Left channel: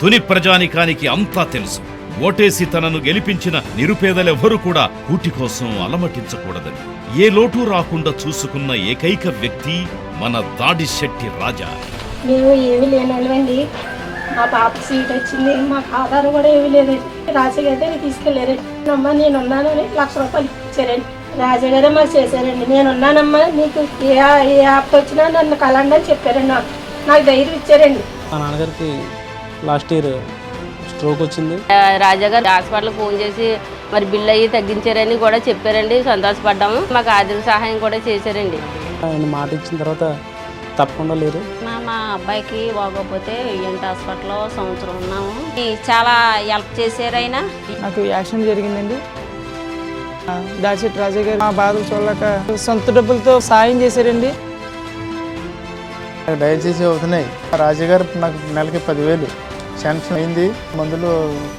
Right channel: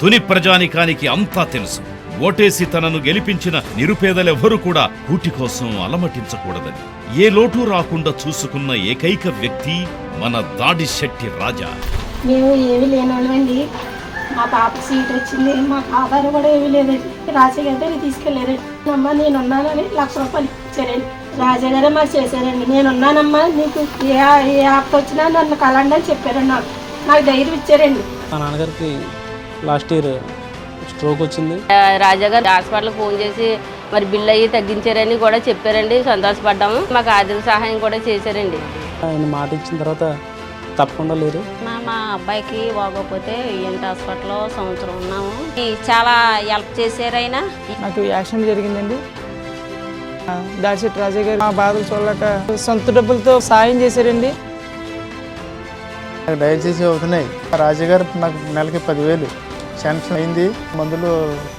తుని ప్రజానికానికి అంతా తెలుసు. ఓటేసి తనను గెలిపించిన నిరుపేదలెవ్వరూ కూడా కూటి కోసం అలమటించకూడదని ఏ లోటు రాకుండా చూసుకున్న ఏకైక వ్యక్తి మన దాడిశెట్టి రాజా. మేము ఏమీ లేనోళ్ళండి. మా పాప సీట్ వచ్చింది, మాకు ఆధారం కూడా ఏమీ లేదండి. రాజగారి దగ్గర తీసుకెళ్ళారండి. అమ్మ నేనున్నానని ₹1,00,000 ఇచ్చారండి. రాజాగారే మాకు చేశారండి. నేనున్నానమ్మా, నీకు ఏ యాప్ వచ్చినా నన్ను కలండి అని చెప్పారండి. నాకు ధైర్యం ఇచ్చారండి. మా నాన్నగారికి లాస్ట్ ఇయర్ స్ట్రోక్ వచ్చింది. రాజాగారు హాస్పిటల్ ఫోన్ చేసి మరి బిల్లు అయ్యి తగ్గించారని కూడా చెప్పారండి. సంతోషపడ్డాము. మాకు ఆర్థిక సహాయం కూడా చేశారండి. ఆయన మాట ఇచ్చిన తర్వాత తప్పకుండా లేరు. మా అబ్బాయికి బాగోకపోతే ఈఎన్టీ హాస్పిటల్లో సంవత్సరం ఉన్నాము. చాలా హెల్ప్ చేశారు ఆయన. నాకు యాక్సిడెంట్ జరిగిందండి. దాడిశెట్టి రాజా గారు మా బాధలు చూడలేక సొంత డబ్బులతో సాయం చేశారండి. డయాలసిస్ అవుతున్నాయి. రాజాగారు నాకు నెలకి 10,000 శాంక్షన్ అయింది. మందులు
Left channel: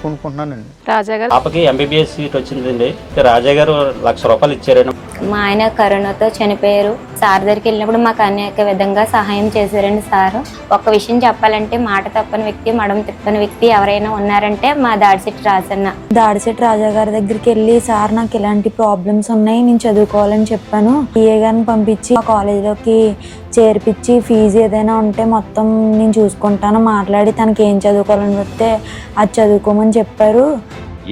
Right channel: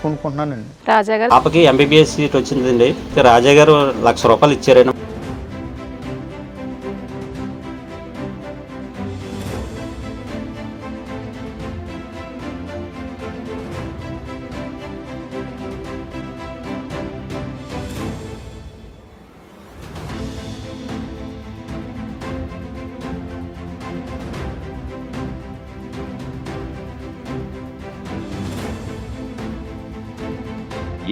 కొనుక్కుంటున్నానండి. రాజాగారు పాపకి ఎంబీబీఎస్ సీట్ వచ్చిందండి. రాజాగారు ₹1,00,000 ఇచ్చారండి. మా ఆయన కరోనాతో చనిపోయారు. సార్ దగ్గరికి వెళ్ళినప్పుడు మాకు అనేక విధంగా సహాయం చేశారండి సార్. ఒక విషయం చెప్పాలంటే మాట తప్పని వ్యక్తి, మడం తిప్పని వ్యక్తి ఎవరైనా ఉన్నారంటే మా దాడిశెట్టి రాజన్న. దాడిశెట్టి రాజా గారి దగ్గరికి వెళ్ళి, సార్ నాకు ఇలాంటి ప్రాబ్లమ్స్ ఉన్నాయి, నేను చదువుకోవాలని చెప్పాను. పిఏ గారిని పంపించి ఆ కాలేజీలోకి చేర్పించి ఫీజు ఏదైనా ఉంటే మొత్తం నేను చూసుకుంటాను, మాట్లాడి తనకి ఏం చదువుకోవాలని చెప్తే అది చదువుకోమని చెప్పారు.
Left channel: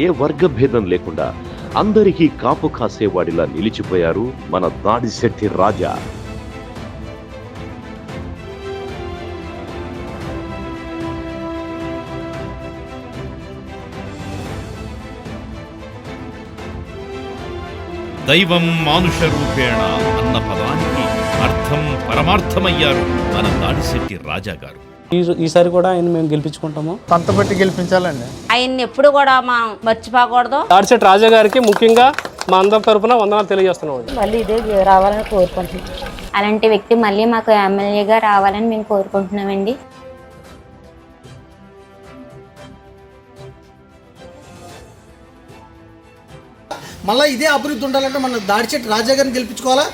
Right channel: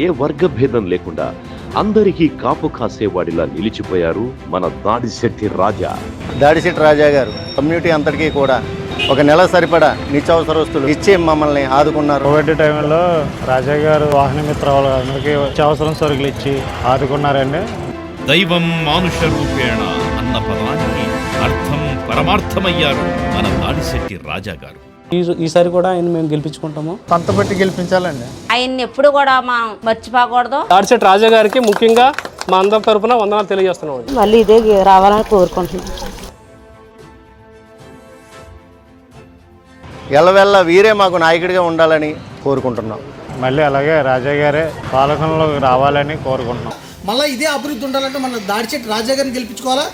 ఏ వర్గ భేదం లేకుండా అందరికీ కాపు కాసేవాడిలా నిలిచిపోయారు మన దాడిశెట్టి రాజా. దాడిశెట్టి రాజా గారు కమ్యూనిటీ అంతటికీ కూడా ఒక నెల సరిపడా నిత్యావసర వస్తువులు ఇచ్చి మమ్మల్ని ఆదుకున్నారు. కోవిడ్ టైంలో రాజా గారు వాహన మిత్ర వాళ్ళందరికీ నిత్యావసరం సరుకులు ఇచ్చి ఆదుకున్నారండి. దైవం మానుష రూపేణ అన్న పదానికి అర్థం పరమార్థమయ్యారు మన దాడిశెట్టి రాజా గారు. ఈసారి కూడా ఆయన మేము గెలిపించుకుంటాము. పంత బట్టి గెలిపించాలండి. ఆయన్ని ఎప్పుడు కూడా మనం మర్చిపోకూడదు. దాడిశెట్టి రాజా గారికి ముఖ్యంగా మా అందరి తరఫున వందనాలు తెలియజేస్తున్నాం. మళ్ళీ ఇదే రావాలని కోరుకుంటున్నాం. అలాంటి వ్యక్తి మళ్ళీ మాకు ఎమ్మెల్యేగా రావాలని మేము కోరుకుంటున్నామండి. ఎల్లవెల్ల వీరే మాకు నాయకుడిగా ఉండాలని కోరుకుంటున్నాం. మళ్ళీ అలాగే రాజా గారే పాలకుల్లో రావాలని కోరుకుంటున్నాం. మళ్ళీ ఇదే అభివృద్ధి ఉండాలంటే మన దాడిశెట్టి రాజా గారిని గెలిపించుకోవాలా.